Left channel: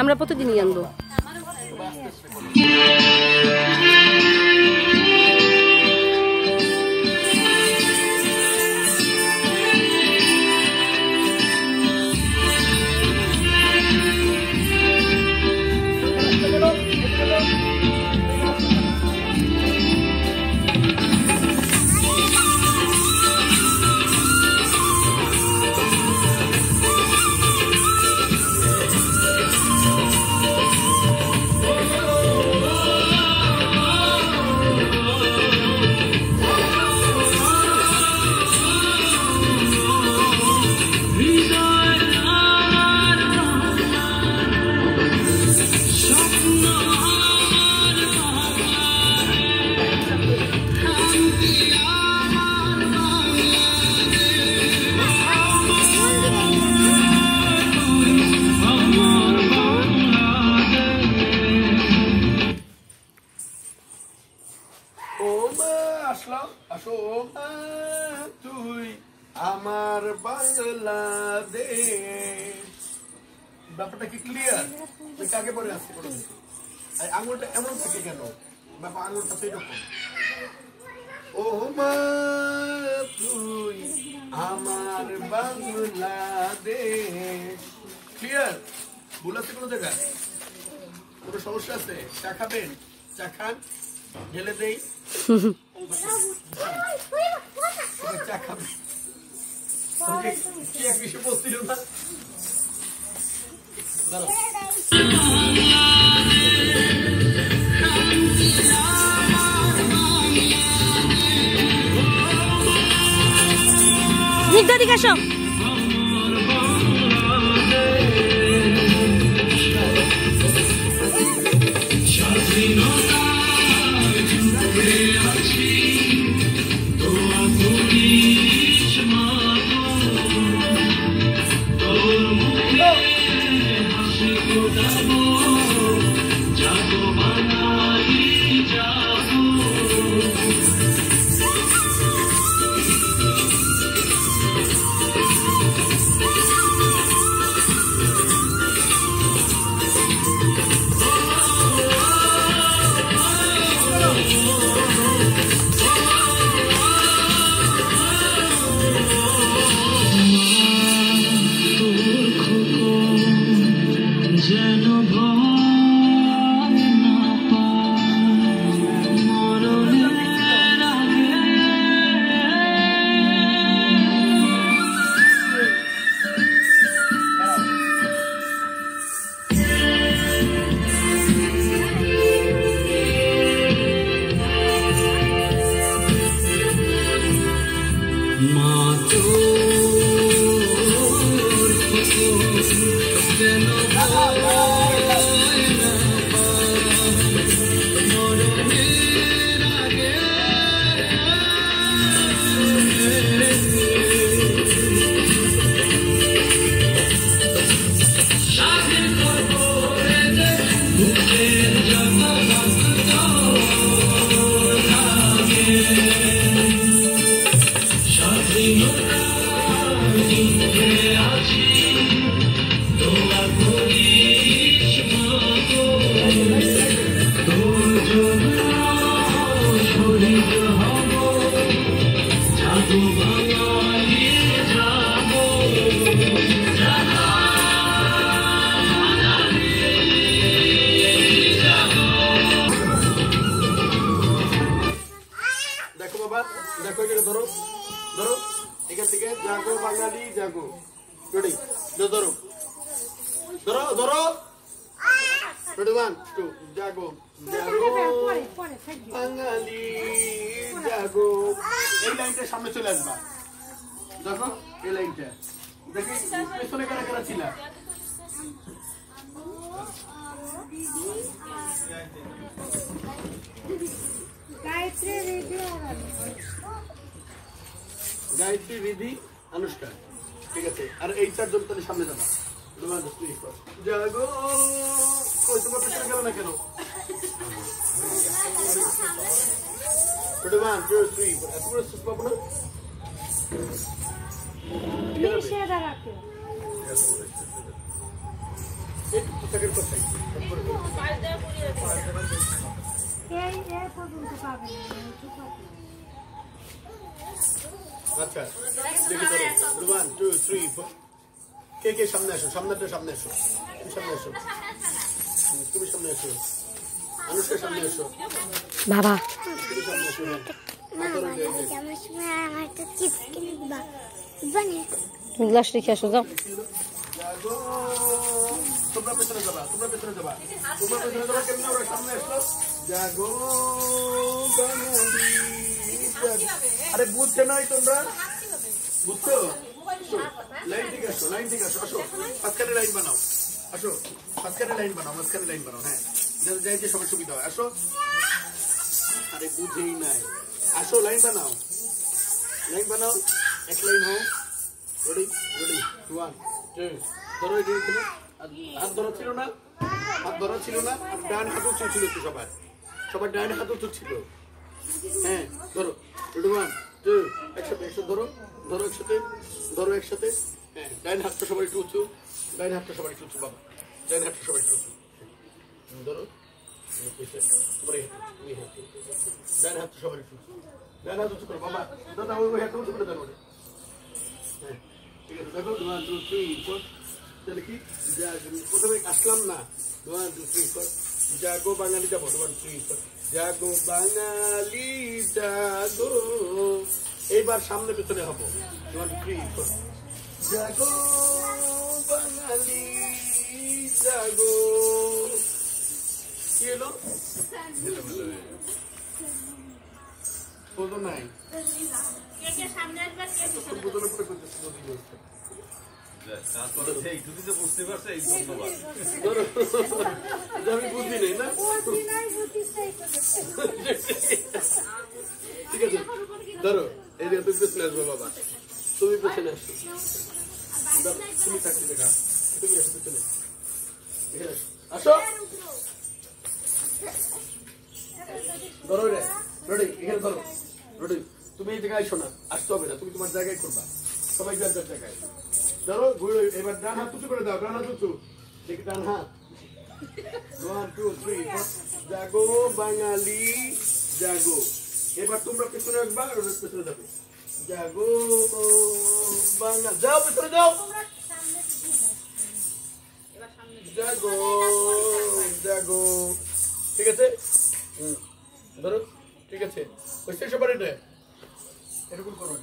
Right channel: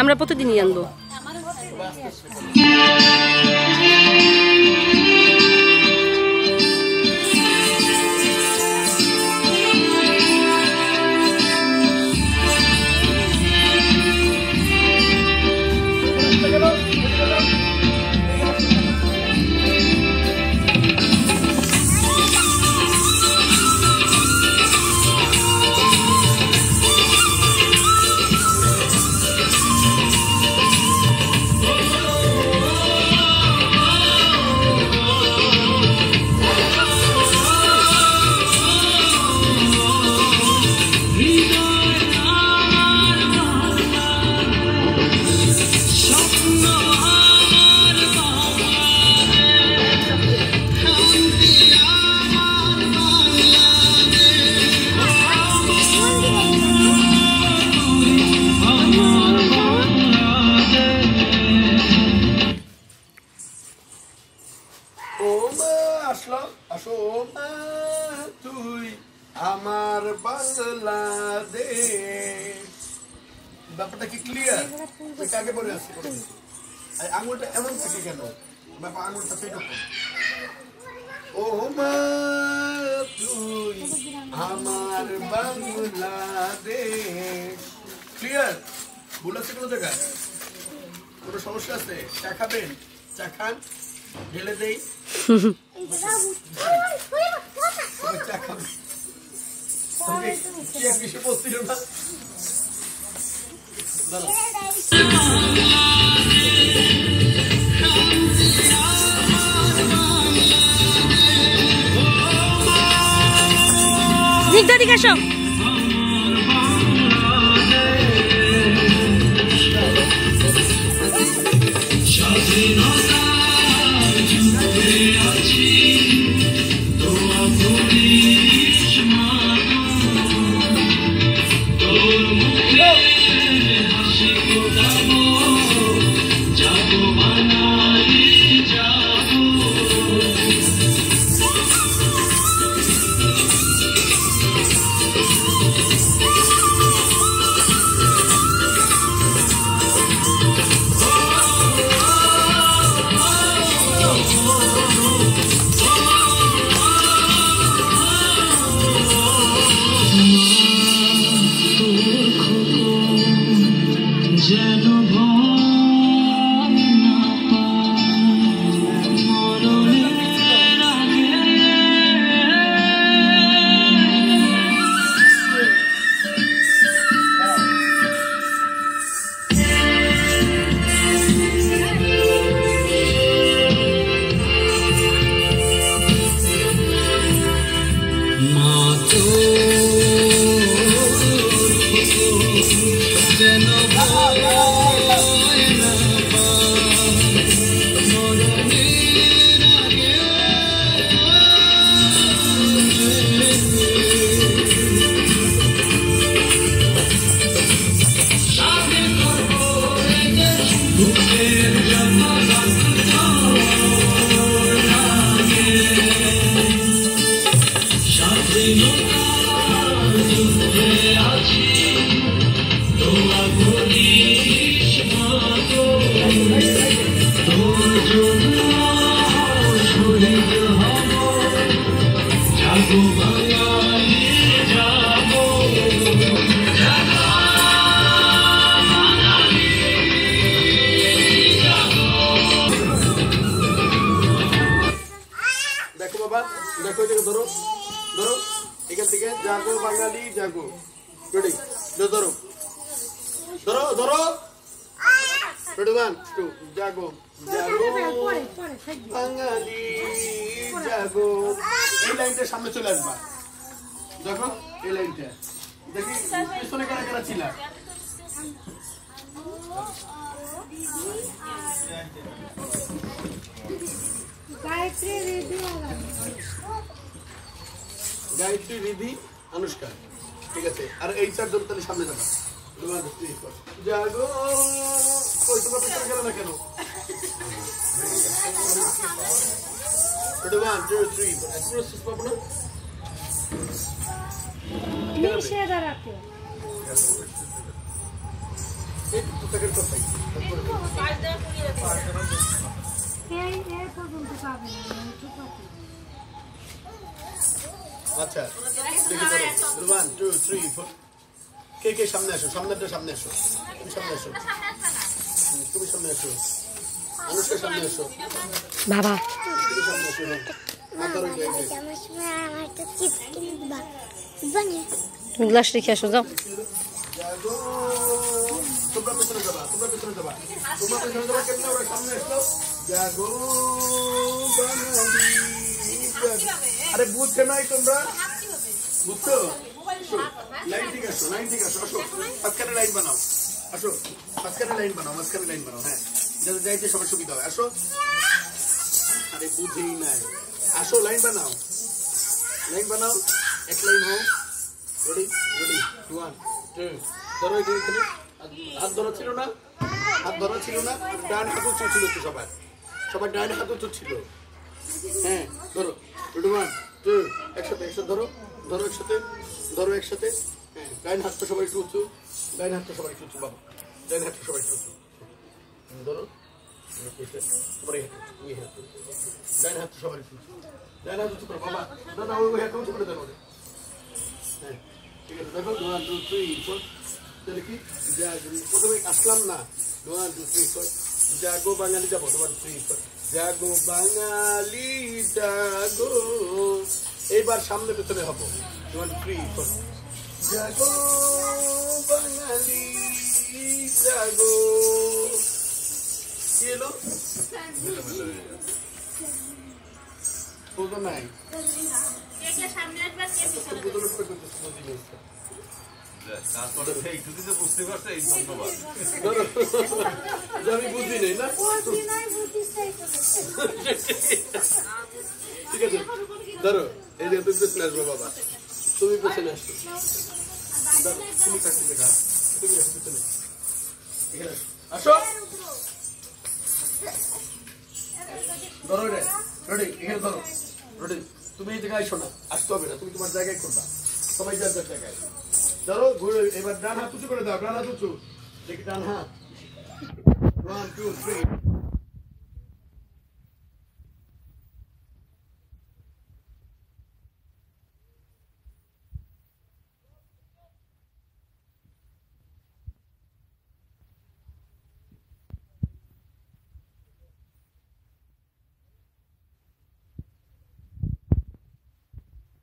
আমরা প্রতিদিনই আনবো। আমার বাংলাদেশ, ব্যাপারটা কি ক্লিয়ার? কাকে পরে আসছে আঙুলটা এমন থাকে কেন? ব্যাপার আঙুলটা সেরকম। ও মা তুই আমার বাংলাদেশ। ক্লিয়ার? ভুল আছে কোনো জায়গায়? কোনো সমস্যা আছে? চা খাবেন? চা খান, ঢেলে দেই। চা খাবেন? কিছু বলছিল না। দিক আসো। দেখো এটাকে ধরো, ধরো এখান থেকে জাগো বাঙালি জাগো। রেডি? ধরো ধরো ধরো। রেডি? 1 2 জাগো জাগো বাঙালি জাগো। এই লাইনটা সামনে চলে আসবা। দেখো এই লাইনটা দেখি পেছনে কারা কারা ছিল। গায়ত্রী, রিধি, অনুষ্কা। ঠিক আছে, আর এই চারজন তাহলে সামনে যাবো। জাগো কই তোমরা পেছনে গেল না কেন? 1 2 3 এতগুলো সুস পাবো না। পোশাকের কথাই তারপরে আচ্ছা দেখি ধরো 1 2 3 4 কে কে সামনে আসো সামনে আসো তুমি সামনে আসো তুমি সামনে আসো অনুষ্কা সামনে আসো বাবা তুমি সামনে আসো মাথার ওই জায়গায় তুমি গ্লাস রেখে আসো যাও জাগো তোমরা পেছনে যাবা কেমনে ওরা সামনে আসলো জাগো বাঙালি জাগো। আরে বুঝছে নাই তোমরা বুঝছো লাইন ঠিক আসো আসো মাঝখানে লাইন বানাও হ্যাঁ যাইতে সবার সুবিধা হয় আসো আরে বুঝেই নাই আসো লাইন বানাও এক লাইন হোক রেডি 1 2 ধরো এখানে হাত ধরা ছিল না আর ডান হাত উঁচু ছিল তো সবার ডান হাত উঁচু ছিল হ্যাঁ ধরো 1 2 একসাথে ধরো একসাথে হ্যাঁ ডান হাতটা সবাই একটু উঁচু বাবা ডান হাতটা সবাই একটু উঁচু ধরো ডান হাতটা সবাই একটু উঁচু ডান হাত উঁচু করো বাবা দাদা ওই হাতটা উঁচু করে দেন ওরে হ্যাঁ ঠিক আছে দেখো 1 2 3 4 তাহলে কি প্রথমে আসলাম না 1 2 3 4 জাগো বাঙালি যাবো 1 2 3 4 জাগো বাঙালি জাগো এইবার সামনে পেছনে হবো 1 2 3 4 জাগো বাঙালি জাগো কি এলো বোঝো নাই আমি বুঝি নাই না ঠিক আছে ধরো এই যে তুমি পেছনে আসবো বাবা তুমি পেছনে আসো তুমি থাকতে দেখা তুমি আসো পেছনে আসো ধরো রেডি এখানে ধরো রেডি তুমি এই জায়গায় আসো না আসতে হবে না তুমি তোমার জায়গায় করবা সবাই যার যার জায়গায় ধরো ঘুরে এবার ডান হাত উঁচু করে দাও ডান হাত উঁচু দেখি ডান হাত 1 2 3 জাগো বাঙালি জাগো এবার তোমরা পেছনে আসবা আর পেছনে যাবে জাগো বাঙালি যাও পেছনে যাও জাগো ঠিক আছে ধরো ঠিক আছে ওই শেষ এবার এটা এরকম করো